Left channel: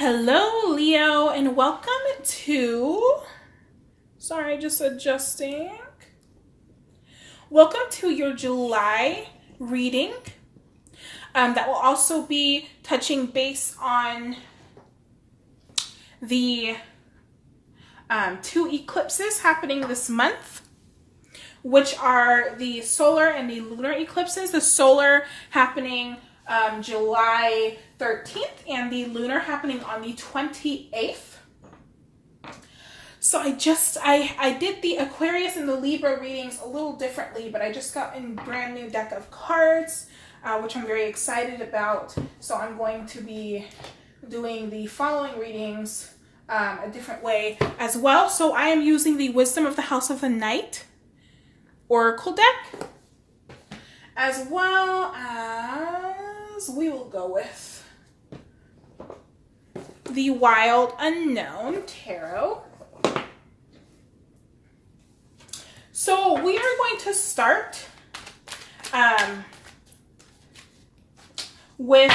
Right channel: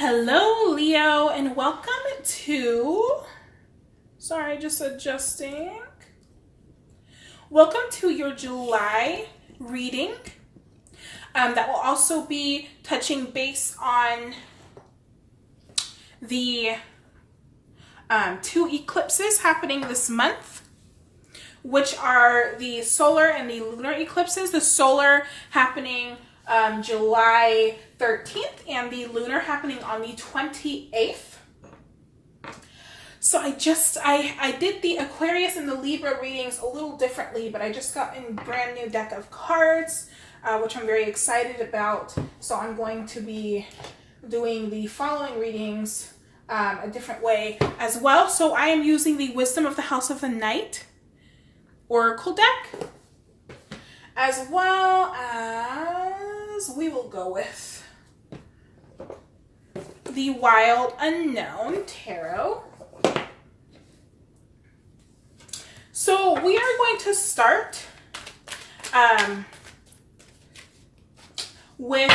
Hello, Leo, and welcome to, just adjusting. Welcome to your July reading. That will also be touching base on the two eclipses happening this month, which are the solar and the lunar eclipses. The solar happening July 13th and the lunar happening on the 28th. So I did the Aquarius and the Libra readings a little differently, but I just got a brand new deck of cards, which I'm very excited about. So I'm going to be doing the following readings a different way as well. So I am using the Wisdom of the House of the Night Oracle deck, as well as we will go with the Wild Unknown Tarot. So we are going to start with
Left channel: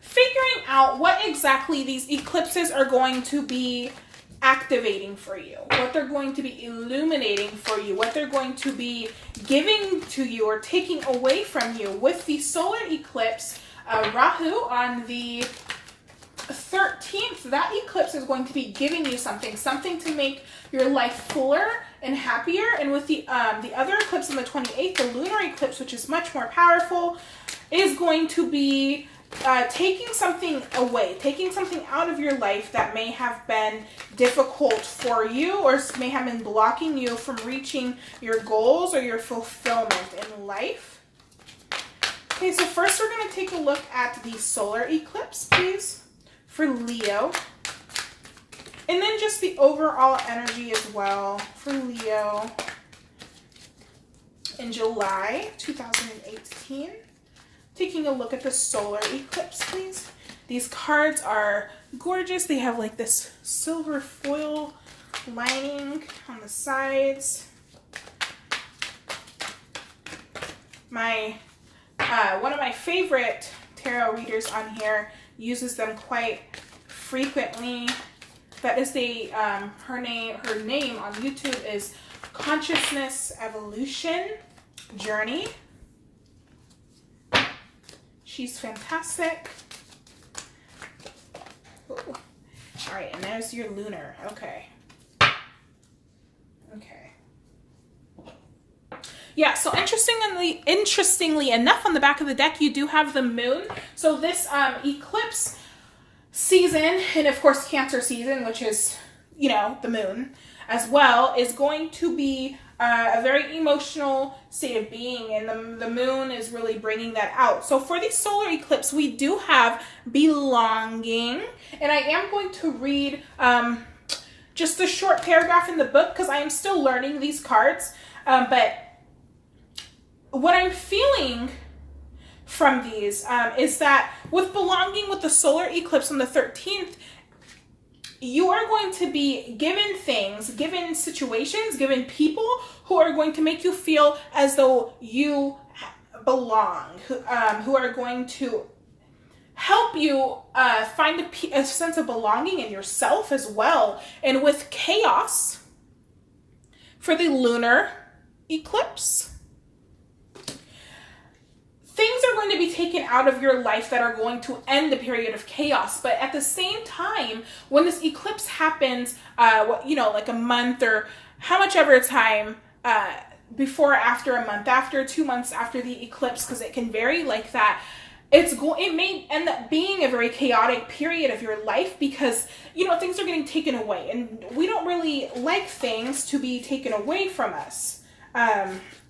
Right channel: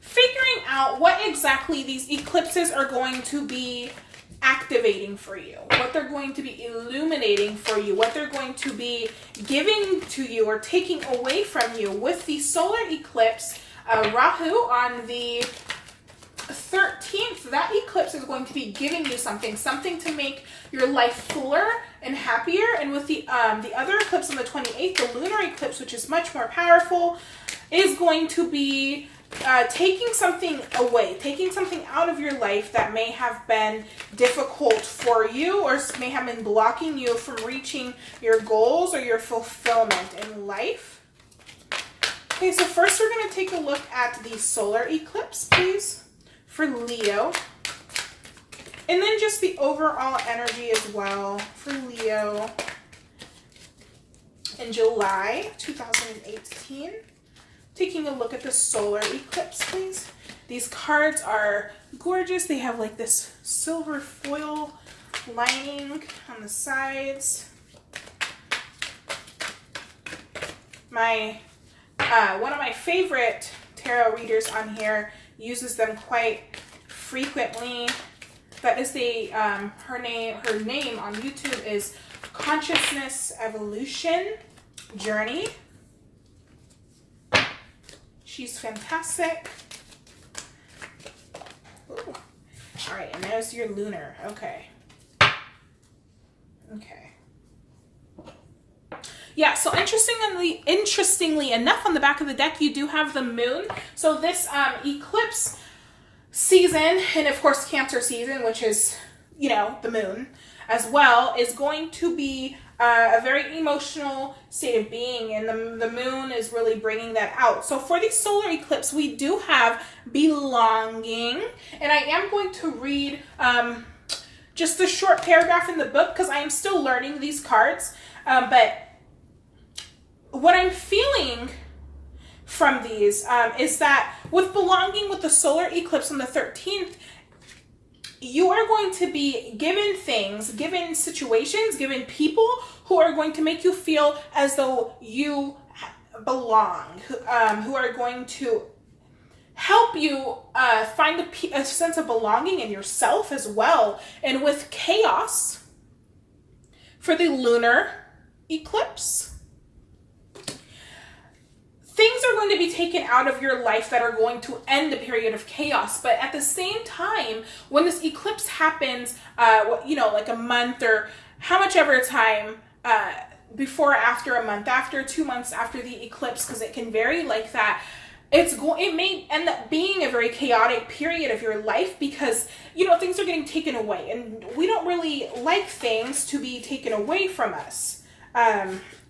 figuring out what exactly these eclipses are going to be activating for you, what they're going to be illuminating for you, what they're going to be giving to you or taking away from you. With the solar eclipse, Rahu on the 13th, that eclipse is going to be giving you something to make your life fuller and happier. And with the other eclipse on the 28th, the lunar eclipse, which is much more powerful, is going to be taking something away, taking something out of your life that may have been difficult for you or may have been blocking you from reaching your goals or your fulfillment in life. Okay, so first we're going to take a look at the solar eclipse, please, for Leo. And then just the overall energy as well for Leo in July 2018. Taking a look at the solar eclipse, please. These cards are gorgeous. They have like this silver foil lining on the sides. One of my favorite tarot readers on here uses them quite frequently. That is her name on YouTube is Consciousness Evolution Journey. She's fantastic. Ooh. All right, and there's your lunar. Okay. Yeah, so interestingly enough, on the back of the deck, you do have the moon. So this eclipse season, and of course Cancer season, which is, the moon as well, is going to be a very emotional state of being, and the moon is really bringing that out. So for the solar eclipse, we do have belonging, and I am going to read just a short paragraph in the book because I am still learning these cards, but what I'm feeling from these is that with belonging, with the solar eclipse on the 13th, you are going to be given things, given situations, given people who are going to make you feel as though you belong, who are going to help you find a sense of belonging in yourself as well. And with chaos for the lunar eclipse, things are going to be taken out of your life that are going to end a period of chaos. But at the same time, when this eclipse happens, like a month or how much ever time before, after a month, after 2 months after the eclipse, because it can vary like that, it may end up being a very chaotic period of your life because, things are getting taken away. And we don't really like things to be taken away from us.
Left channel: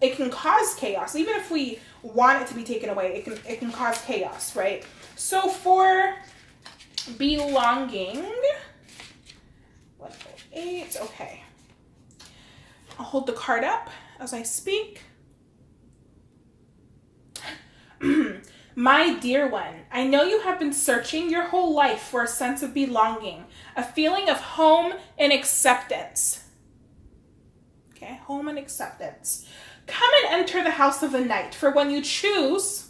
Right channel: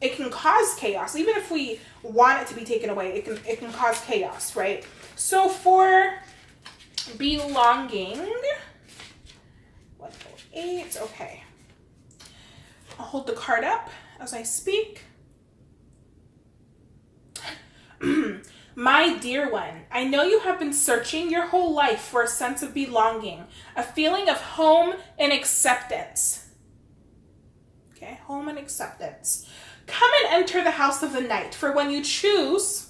It can cause chaos. Even if we want it to be taken away, it can cause chaos, right? So for belonging, 108, okay. I'll hold the card up as I speak. My dear one, I know you have been searching your whole life for a sense of belonging, a feeling of home and acceptance. Okay, home and acceptance. Come and enter the house of the night, for when you choose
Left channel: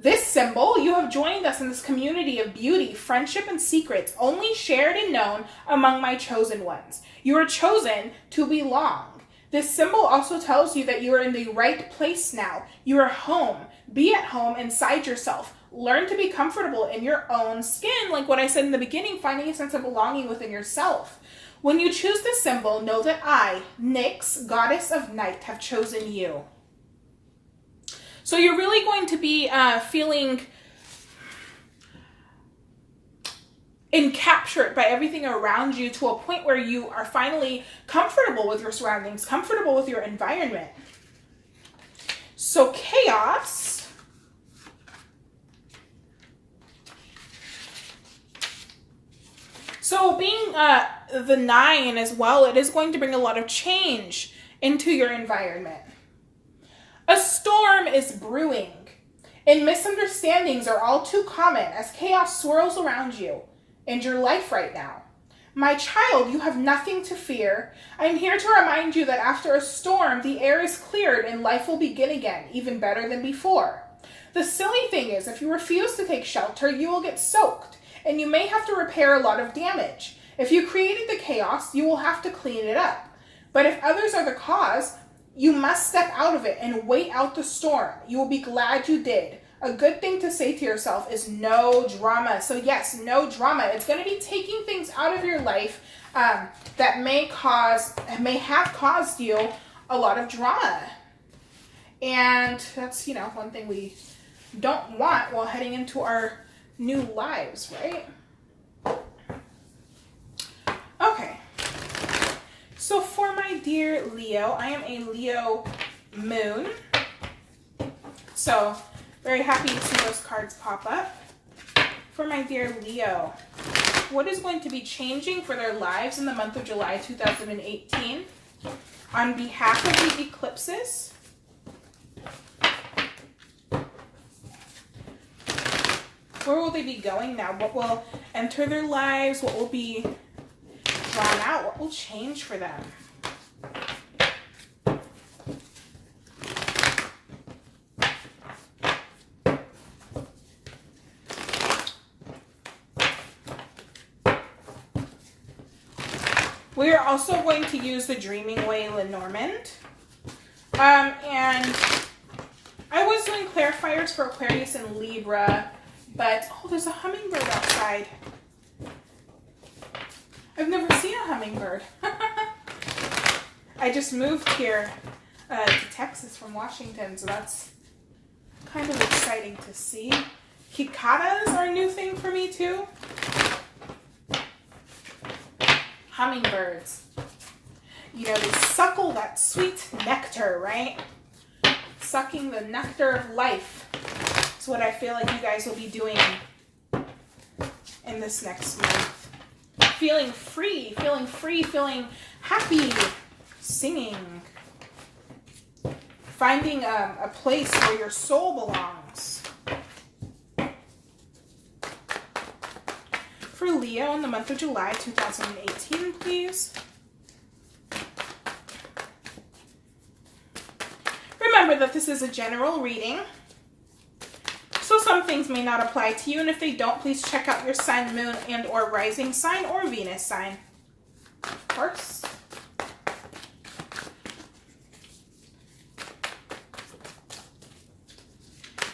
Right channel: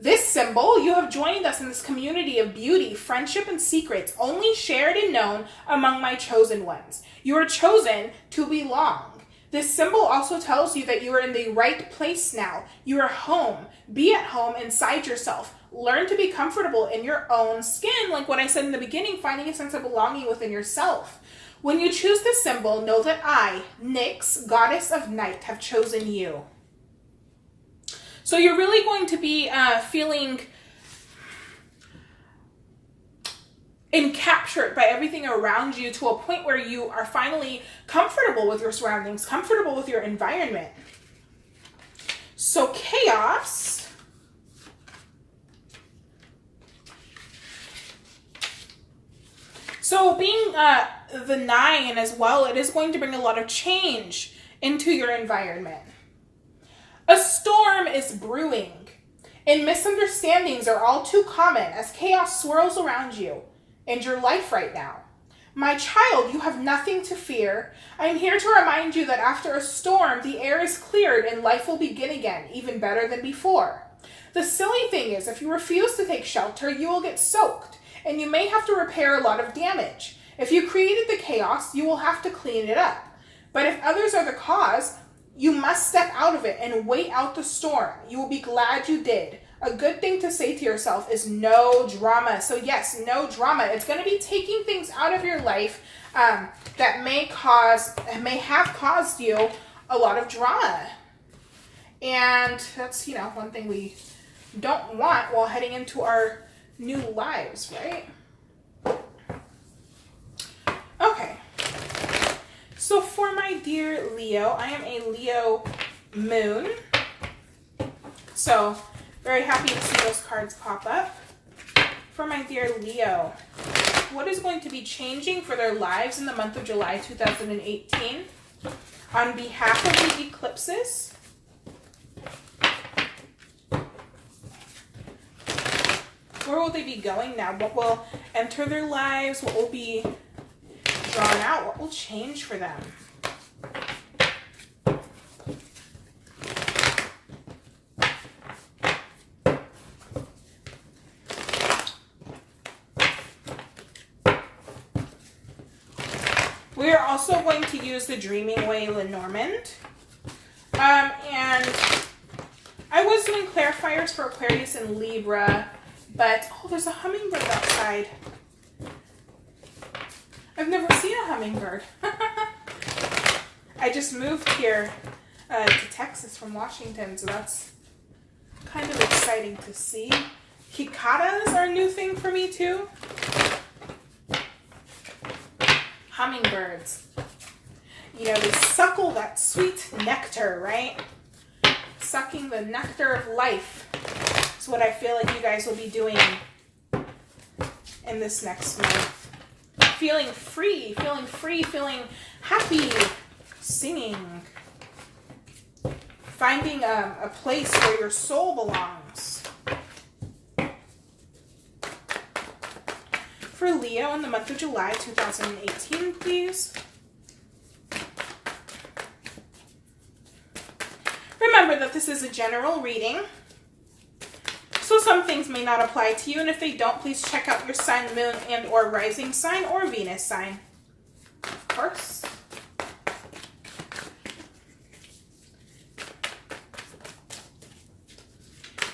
This symbol, you have joined us in this community of beauty, friendship, and secrets, only shared and known among my chosen ones. You are chosen to belong. This symbol also tells you that you are in the right place now. You are home. Be at home inside yourself. Learn to be comfortable in your own skin. Like what I said in the beginning, finding a sense of belonging within yourself. When you choose this symbol, know that I, Nyx, goddess of night, have chosen you. So you're really going to be feeling encaptured by everything around you to a point where you are finally comfortable with your surroundings, comfortable with your environment. So chaos. So being the 9 as well, it is going to bring a lot of change into your environment. A storm is brewing, and misunderstandings are all too common as chaos swirls around you and your life right now. My child, you have nothing to fear. I'm here to remind you that after a storm, the air is cleared and life will begin again, even better than before. The silly thing is, if you refuse to take shelter, you will get soaked, and you may have to repair a lot of damage. If you created the chaos, you will have to clean it up. But if others are the cause, you must step out of it and wait out the storm. You will be glad you did. A good thing to say to yourself is no drama. So yes, no drama. It's going to be taking things out of your life that may have caused you a lot of drama. And that's, one thing we don't want while heading into our new lives, right? Okay. So for my dear Leo, I am a Leo moon. So very happy to see those cards pop up. For my dear Leo, what is going to be changing for their lives in the month of July 2018 on behalf of the eclipses? Where will they be going now? What will enter their lives? What will be drawn out? What will change for them? We are also going to use the Dreaming Way Lenormand. And I was doing clarifiers for Aquarius and Libra, but, oh, there's a hummingbird outside. I've never seen a hummingbird. I just moved here to Texas from Washington, so that's kind of exciting to see. Cicadas are a new thing for me too. Hummingbirds. They suckle that sweet nectar, right? Sucking the nectar of life. That's what I feel like you guys will be doing in this next month. Feeling free, feeling happy, singing. Finding a place where your soul belongs. For Leo in the month of July 2018, please. Remember that this is a general reading, so some things may not apply to you, and if they don't, please check out your sun, moon, and or rising sign or Venus sign. Of course.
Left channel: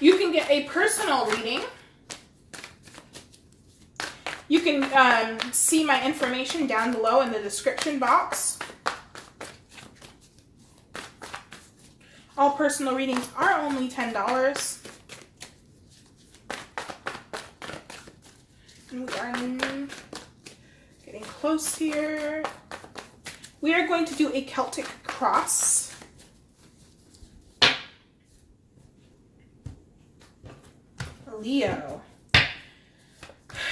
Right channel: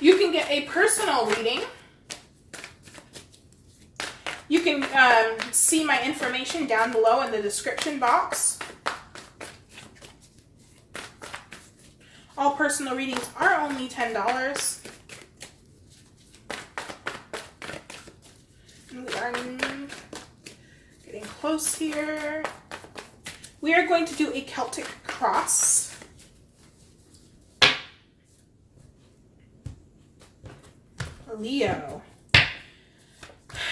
You can get a personal reading. You can see my information down below in the description box. All personal readings are only $10. We are getting close here. We are going to do a Celtic cross. Leo.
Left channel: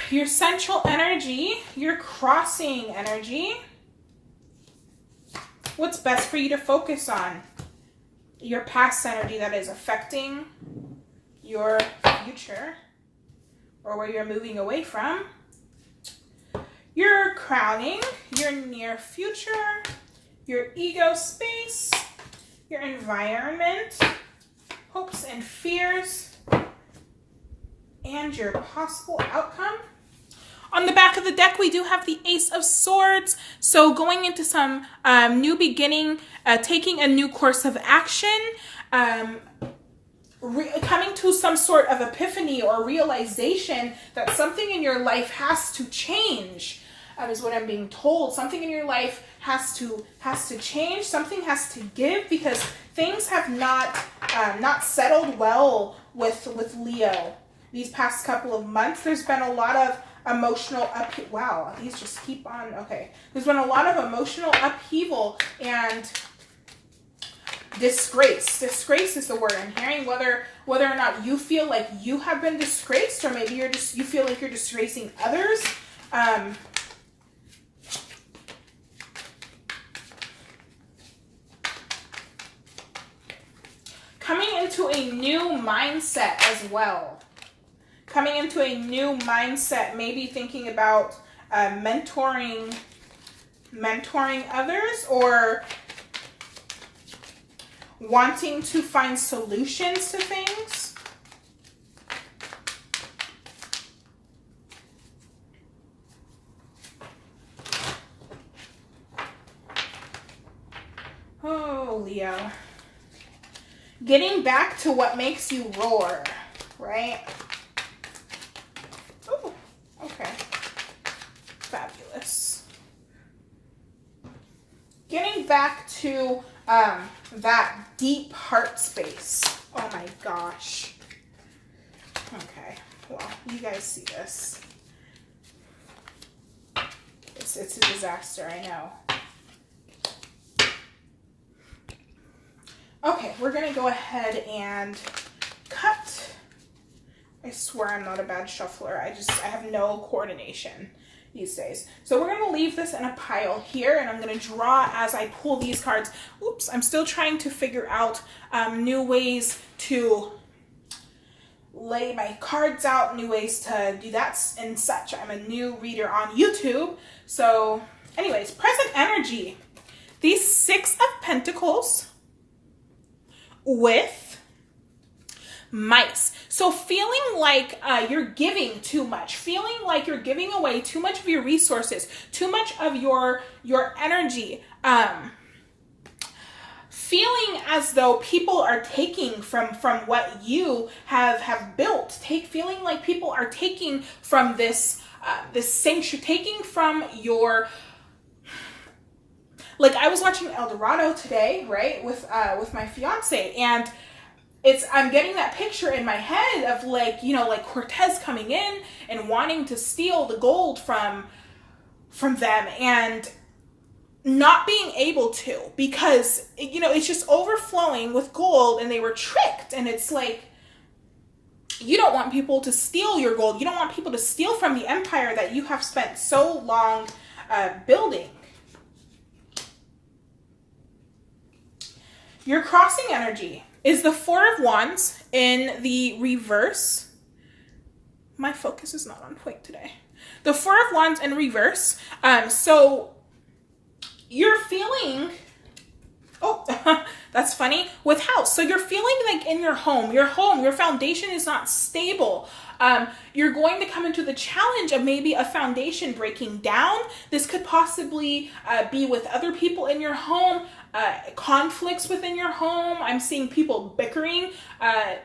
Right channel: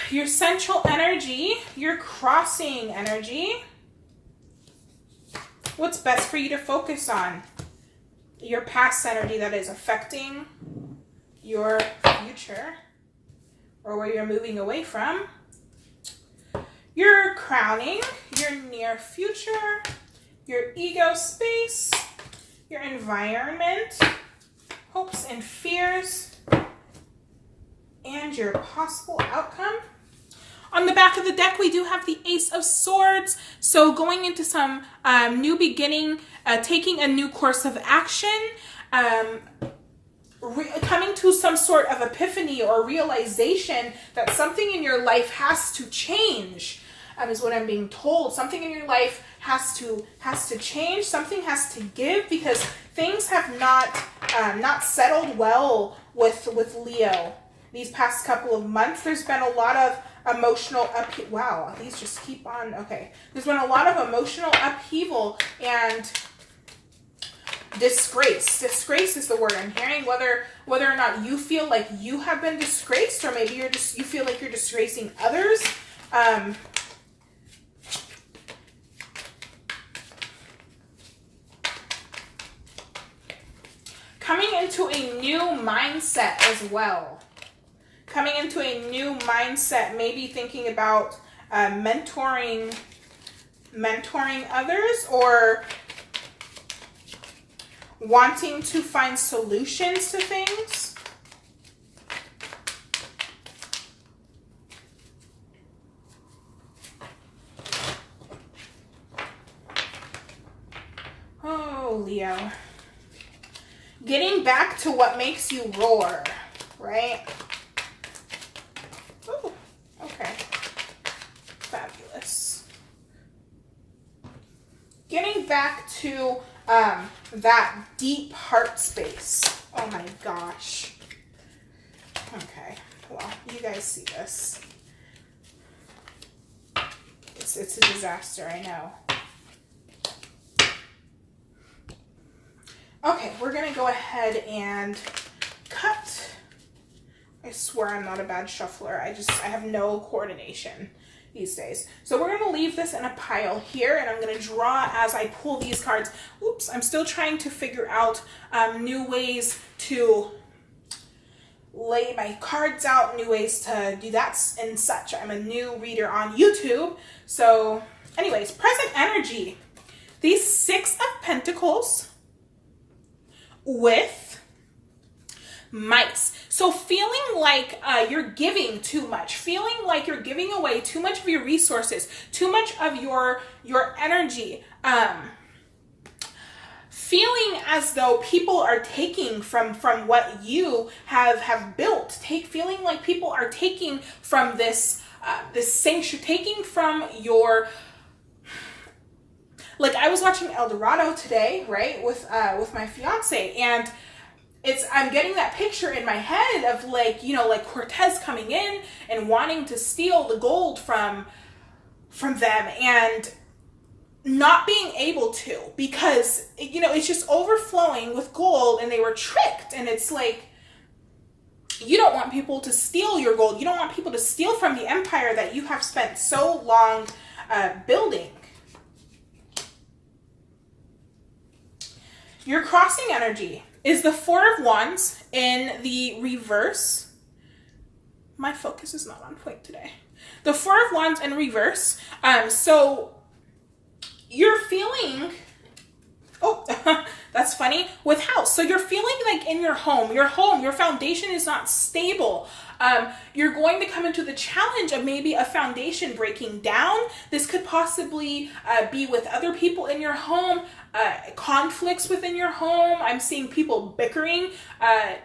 Your central energy, your crossing energy. What's best for you to focus on? Your past energy that is affecting your future or where you're moving away from. Your crowning, your near future, your ego space, your environment, hopes and fears, find your possible outcome. On the back of the deck, we do have the Ace of Swords. So going into some new beginning, taking a new course of action, coming to some sort of epiphany or realization that something in your life has to change, is what I'm being told. Something in your life has to change. Something has to give, because things have not settled well with Leo these past couple of months. There's been a lot of emotional upheaval. Wow, these just keep on. Okay, there's been a lot of emotional upheaval and disgrace. Disgrace is the word I'm hearing. Whether or not you feel like you have been disgraced, or maybe you feel like you're disgracing others. Coming into a new mindset as well. Coming into a new mindset, maybe thinking about mentoring others, or wanting to find solutions to things. Oh, Leo. Getting back to what makes you roar, right? Oh, okay. Fabulous. Getting back to that deep heart space. Oh my gosh. Okay, well, you guys see this. It's a disaster, I know. Okay, we're going to go ahead and cut. I swear I'm not a bad shuffler. I have no coordination these days. So we're going to leave this in a pile here, and I'm going to draw as I pull these cards. Oops, I'm still trying to figure out new ways to lay my cards out, new ways to do that and such. I'm a new reader on YouTube. So anyways, present energy. These Six of Pentacles with mice. So feeling like you're giving too much, feeling like you're giving away too much of your resources, too much of your energy, feeling as though people are taking from what you have built, feeling like people are taking from this sanctuary, taking from your. Like, I was watching El Dorado today, right, with my fiance, and I'm getting that picture in my head of, like, you know, like Cortez coming in and wanting to steal the gold from them and not being able to, because, you know, it's just overflowing with gold and they were tricked. And it's like, you don't want people to steal your gold. You don't want people to steal from the empire that you have spent so long building. Your crossing energy is the Four of Wands in the reverse. My focus is not on point today. The Four of Wands in reverse. So you're feeling, oh, that's funny, with house. So you're feeling like in your home, your foundation is not stable. You're going to come into the challenge of maybe a foundation breaking down. This could possibly be with other people in your home, conflicts within your home. I'm seeing people bickering, a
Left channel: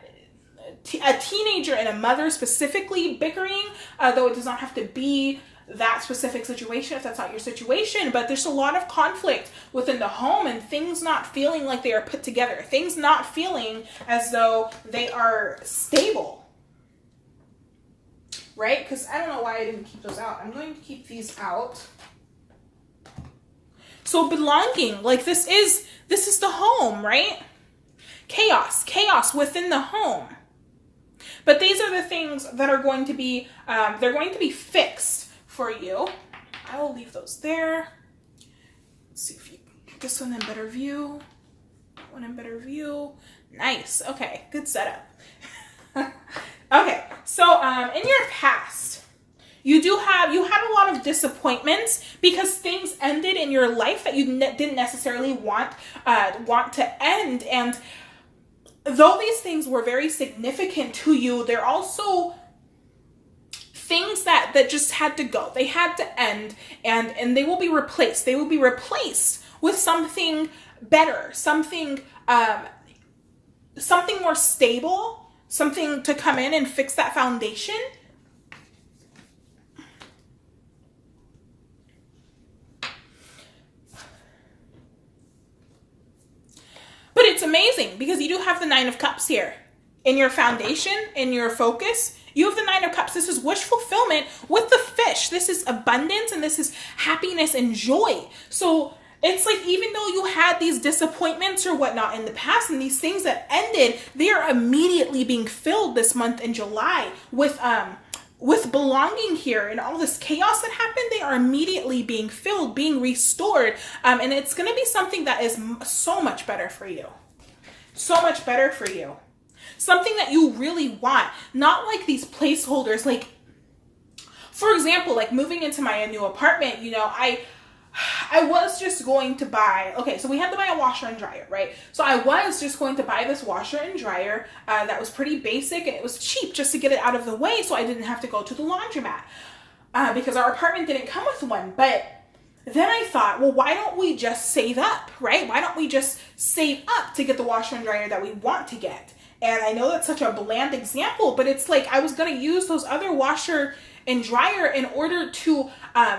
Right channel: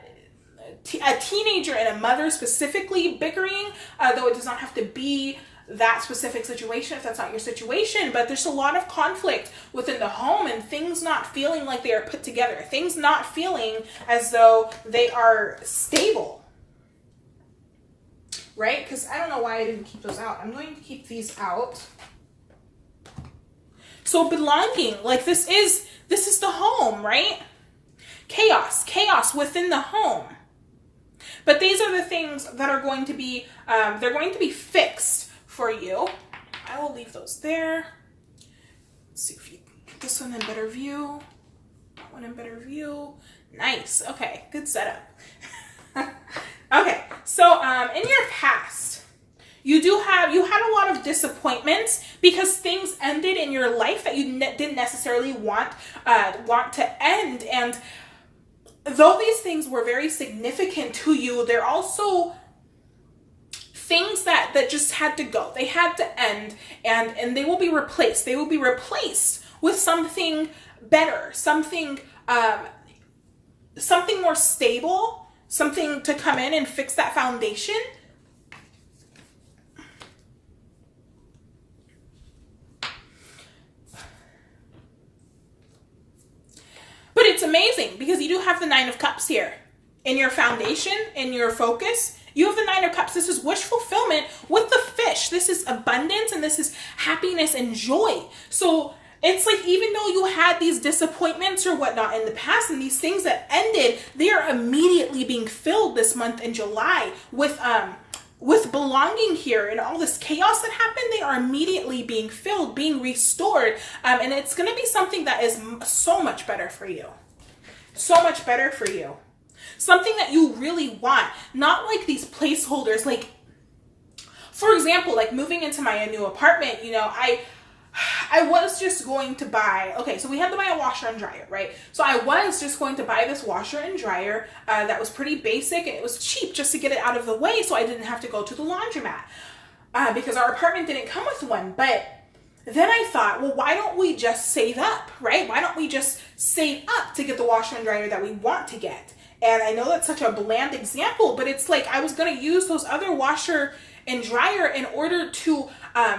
teenager and a mother specifically bickering, though it does not have to be that specific situation if that's not your situation, but there's a lot of conflict within the home and things not feeling like they are put together, things not feeling as though they are stable. Right? Because I don't know why I didn't keep those out. I'm going to keep these out. So belonging, like this is the home, right? Chaos within the home. But these are the things that are going to be, they're going to be fixed for you. I will leave those there. Let's see if you get this one in better view. That one in better view. Nice. Okay, good setup. Okay, so in your past, you had a lot of disappointments because things ended in your life that you didn't necessarily want to end. And though these things were very significant to you, they're also things that just had to go. They had to end, and they will be replaced. They will be replaced with something better, something more stable, something to come in and fix that foundation. But it's amazing because you do have the Nine of Cups here in your foundation, in your focus. You have the Nine of Cups. This is wish fulfillment with the fish. This is abundance, and this is happiness and joy. So it's like, even though you had these disappointments or whatnot in the past, and these things that ended, they are immediately being filled this month in July with belonging here, and all this chaos that happened, they are immediately being filled, being restored. And it's going to be something that is so much better for you. So much better for you. Something that you really want. Not like these placeholders. Like, for example, like moving into my new apartment, you know, I was just going to buy, okay, so we had to buy a washer and dryer, right? So I was just going to buy this washer and dryer that was pretty basic, and it was cheap just to get it out of the way so I didn't have to go to the laundromat because our apartment didn't come with one. But then I thought, well, why don't we just save up, right? Why don't we just save up to get the washer and dryer that we want to get? And I know that's such a bland example, but it's like I was going to use those other washer and dryer in order to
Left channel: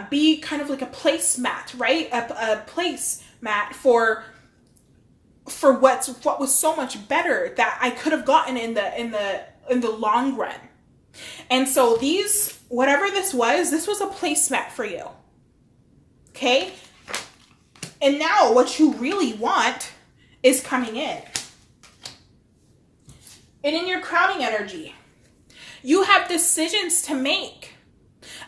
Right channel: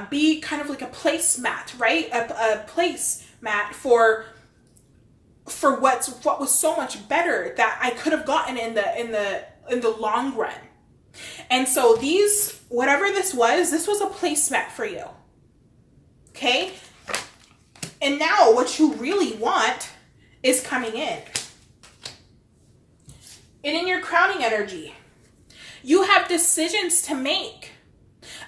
be kind of like a placemat, right? A placemat for what was so much better that I could have gotten in the long run. And so these, whatever this was a placemat for you. Okay? And now what you really want is coming in. And in your crowning energy, you have decisions to make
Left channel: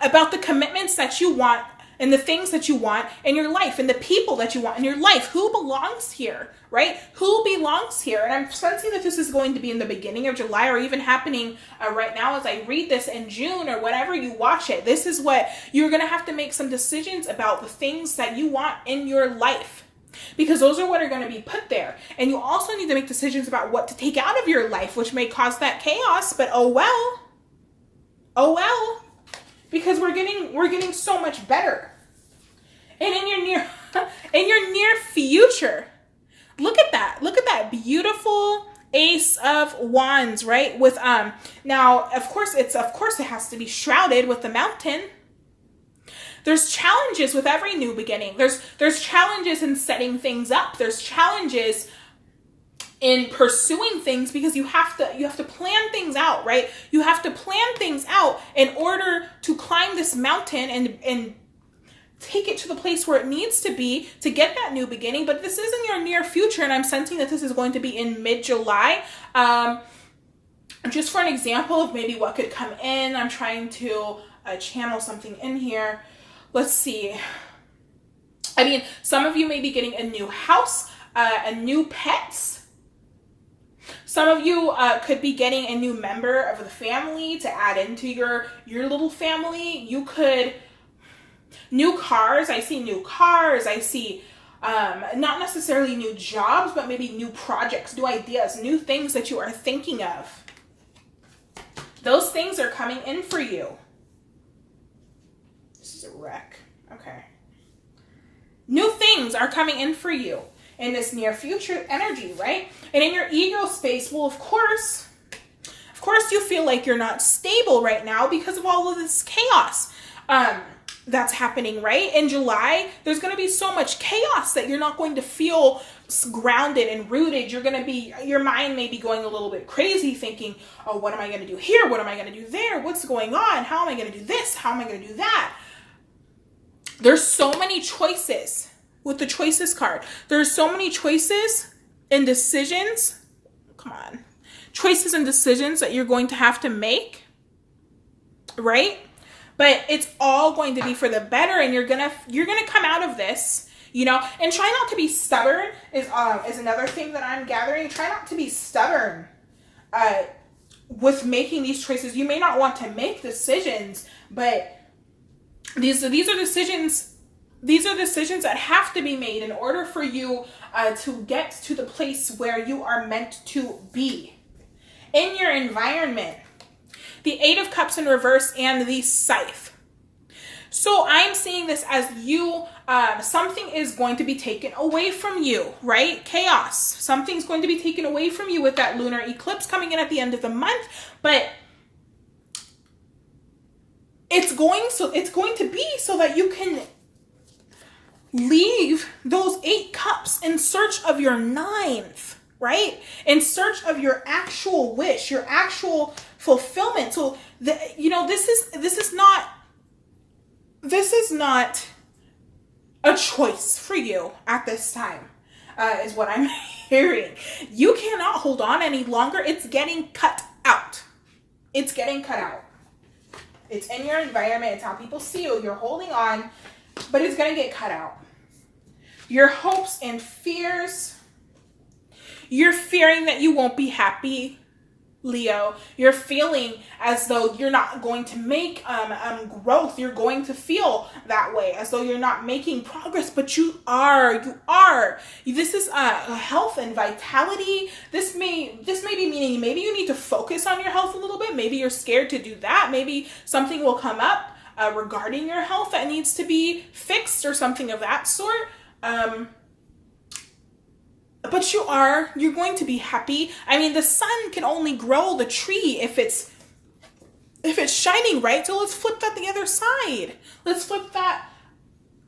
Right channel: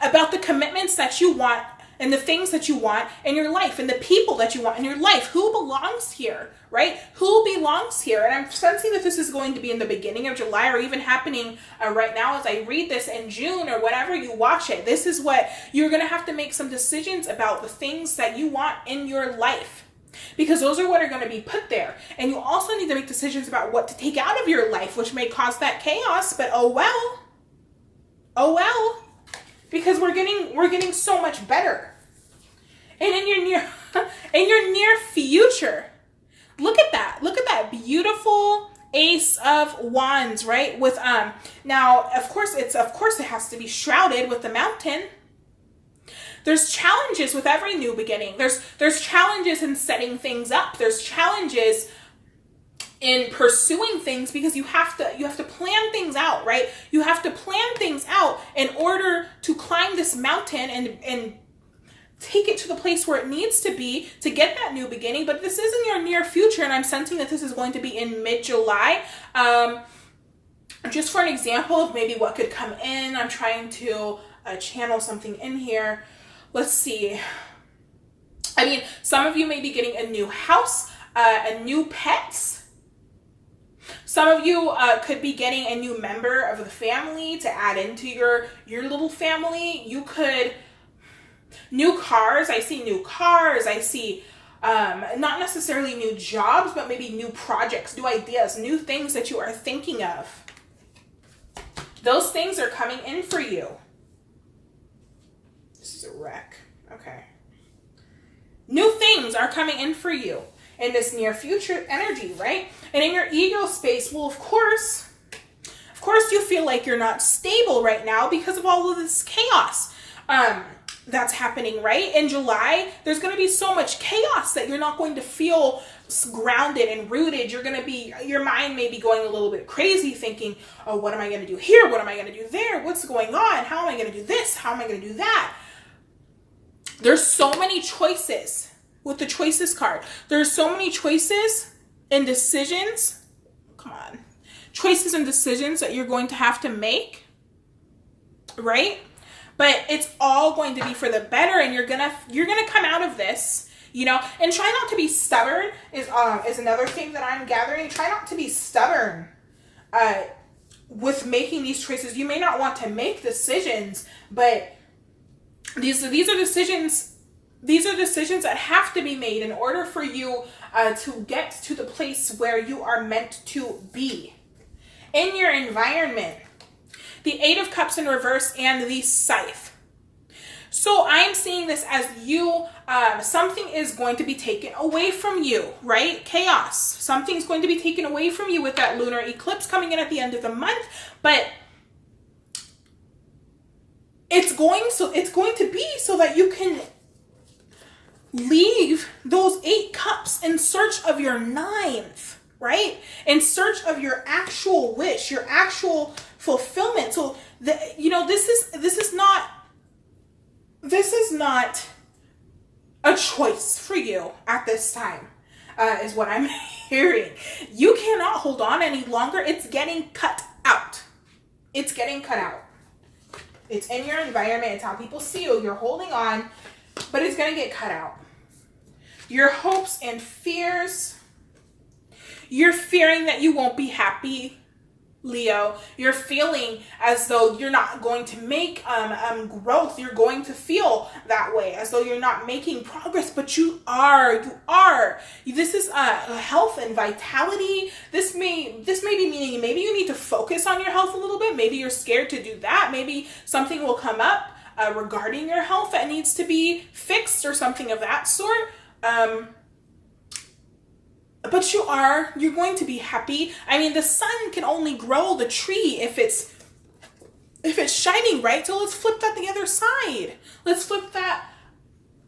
about the commitments that you want and the things that you want in your life and the people that you want in your life. Who belongs here, right? Who belongs here? And I'm sensing that this is going to be in the beginning of July, or even happening right now as I read this in June, or whatever you watch it. This is what you're going to have to make some decisions about, the things that you want in your life. Because those are what are going to be put there. And you also need to make decisions about what to take out of your life, which may cause that chaos, but oh well. Oh well. Because we're getting so much better. And in your near future, look at that. Look at that beautiful Ace of Wands, right? With now of course it has to be shrouded with the mountain. There's challenges with every new beginning. There's challenges in setting things up. There's challenges in pursuing things, because you have to plan things out, right? You have to plan things out in order to climb this mountain and take it to the place where it needs to be to get that new beginning. But this is in your near future, and I'm sensing that this is going to be in mid-July. Just for an example of maybe what could come in, I'm trying to channel something in here. Let's see. I mean, some of you may be getting a new house, a new pets. Some of you could be getting a new member of the family to add into your little family. You could, new cars. I see new cars. I see not necessarily new jobs, but maybe new projects, new ideas, new things that you are thinking of. Those things are coming in for you. This is a wreck. Okay. New things are coming in for you in this near future energy, right? And in your ego space, well, of course you feel like you're not stable right now because of all of this chaos that's happening, right? In July, there's going to be so much chaos that you're not going to feel grounded and rooted. Your mind may be going a little bit crazy, thinking, oh, what am I going to do here? What am I going to do there? What's going on? How am I going to do this? How am I going to do that? There's so many choices with the choices card. There's so many choices and decisions. Come on. Choices and decisions that you're going to have to make, right? But it's all going to be for the better, and you're gonna come out of this, you know. And try not to be stubborn is another thing that I'm gathering. Try not to be stubborn with making these choices. You may not want to make decisions, but these are decisions. These are decisions that have to be made in order for you to get to the place where you are meant to be. In your environment, the Eight of Cups in reverse, and the Scythe. So I'm seeing this as you, something is going to be taken away from you, right? Chaos. Something's going to be taken away from you with that lunar eclipse coming in at the end of the month, but it's going to be so that you can leave those 8 cups in search of your 9th, right? In search of your actual wish, your actual fulfillment. So, this is not a choice for you at this time, is what I'm hearing. You cannot hold on any longer. It's getting cut out. It's getting cut out. It's in your environment. It's how people see you. You're holding on, but it's going to get cut out. Your hopes and fears. You're fearing that you won't be happy, Leo. You're feeling as though you're not going to make growth. You're going to feel that way, as though you're not making progress, but you are. You are. This is health and vitality. This may be meaning maybe you need to focus on your health a little bit. Maybe you're scared to do that. Maybe something will come up regarding your health that needs to be fixed or something of that sort. But you're going to be happy. I mean, the sun can only grow the tree if it's shining, right? So let's flip that the other side. Let's flip that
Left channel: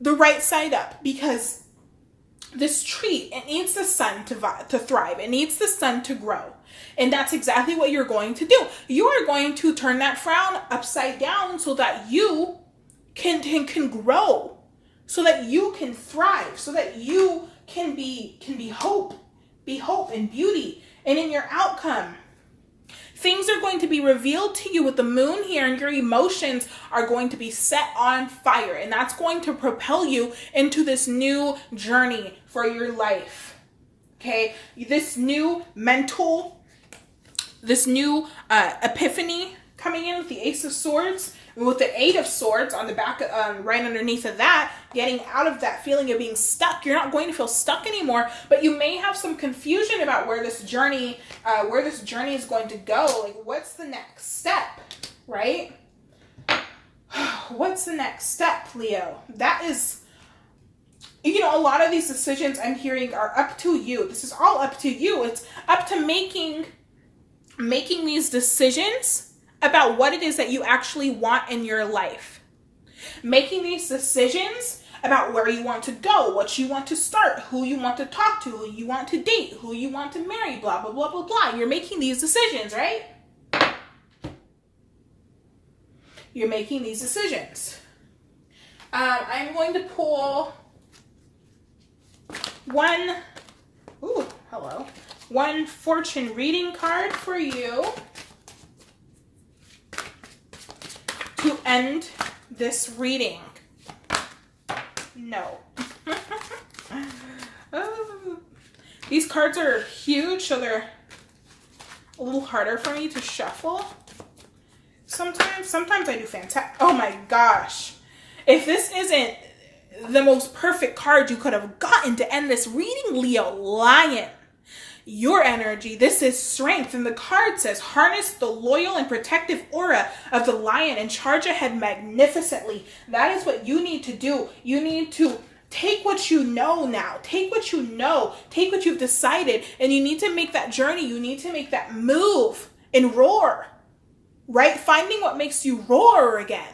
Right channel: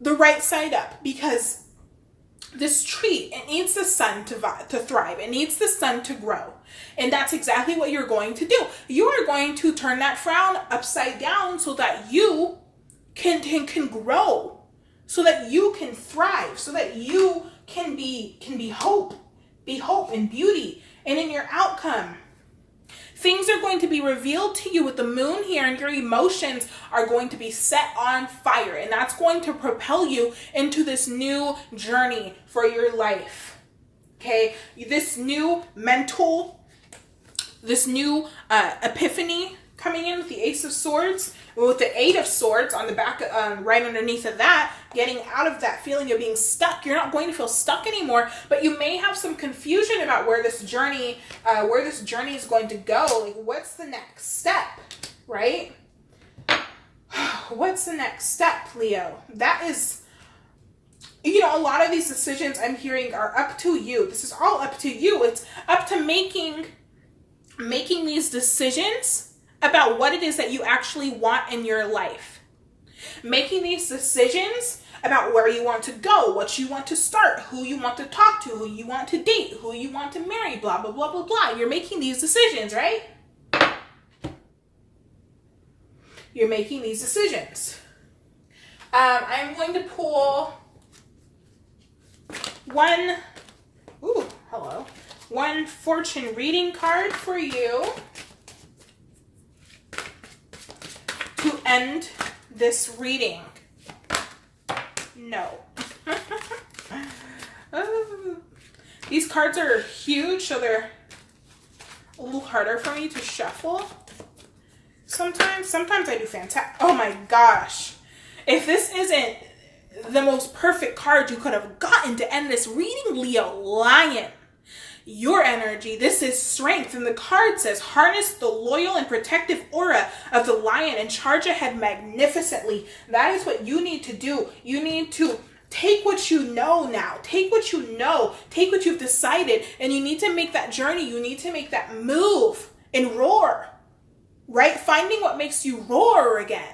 the right side up, because this tree, it needs the sun to thrive. It needs the sun to grow. And that's exactly what you're going to do. You are going to turn that frown upside down so that you can grow, so that you can thrive, so that you can be hope and beauty. And in your outcome, things are going to be revealed to you with the moon here, and your emotions are going to be set on fire. And that's going to propel you into this new journey for your life. Okay? This new epiphany coming in with the Ace of Swords, with the 8 of Swords on the back, right underneath of that, getting out of that feeling of being stuck. You're not going to feel stuck anymore, but you may have some confusion about where this journey is going to go. Like, what's the next step, right? What's the next step, Leo? That is, a lot of these decisions I'm hearing are up to you. This is all up to you. It's up to making these decisions about what it is that you actually want in your life. Making these decisions about where you want to go, what you want to start, who you want to talk to, who you want to date, who you want to marry, blah, blah, blah, blah, blah. You're making these decisions, right? You're making these decisions. I'm going to pull one fortune reading card for you to end this reading. No. These cards are huge, so they're a little harder for me to shuffle. Sometimes I do fantastic. Oh my gosh. If this isn't the most perfect card you could have gotten to end this reading, Leo, Lion. Your energy. This is strength. And the card says, harness the loyal and protective aura of the lion and charge ahead magnificently. That is what you need to do. You need to take what you know now. Take what you know. Take what you've decided. And you need to make that journey. You need to make that move and roar. Right? Finding what makes you roar again.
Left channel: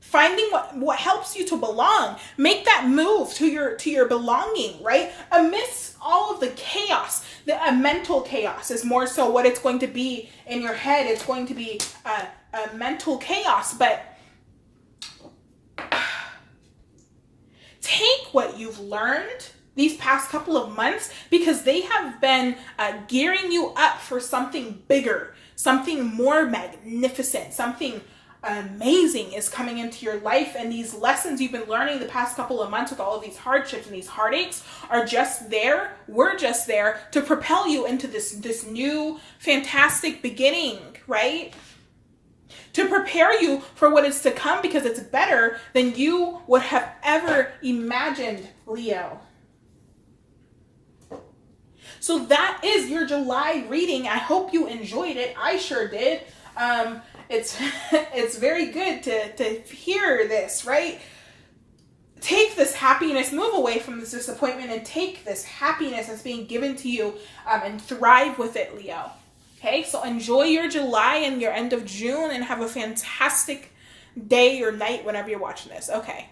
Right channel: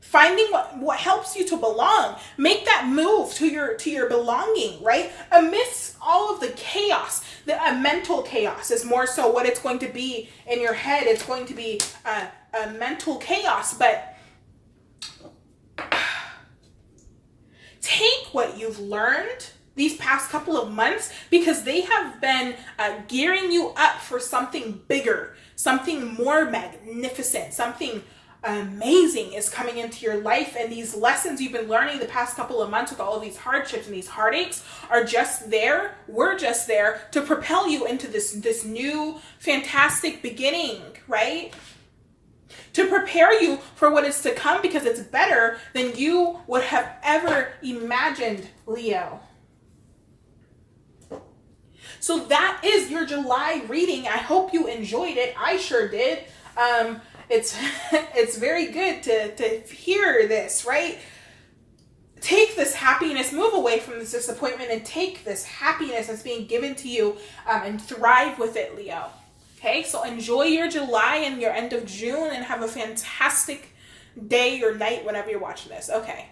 Finding what helps you to belong. Make that move to your belonging, right? Amidst all of the chaos, the mental chaos is more so what it's going to be in your head. It's going to be a mental chaos, but take what you've learned these past couple of months, because they have been gearing you up for something bigger, something more magnificent, something amazing is coming into your life. And these lessons you've been learning the past couple of months with all of these hardships and these heartaches are just there. We're just there to propel you into this new fantastic beginning, right? To prepare you for what is to come, because it's better than you would have ever imagined, Leo. So that is your July reading. I hope you enjoyed it. I sure did. It's very good to hear this, right? Take this happiness, move away from this disappointment, and take this happiness that's being given to you, and thrive with it, Leo. Okay, so enjoy your July and your end of June, and have a fantastic day or night whenever you're watching this. Okay.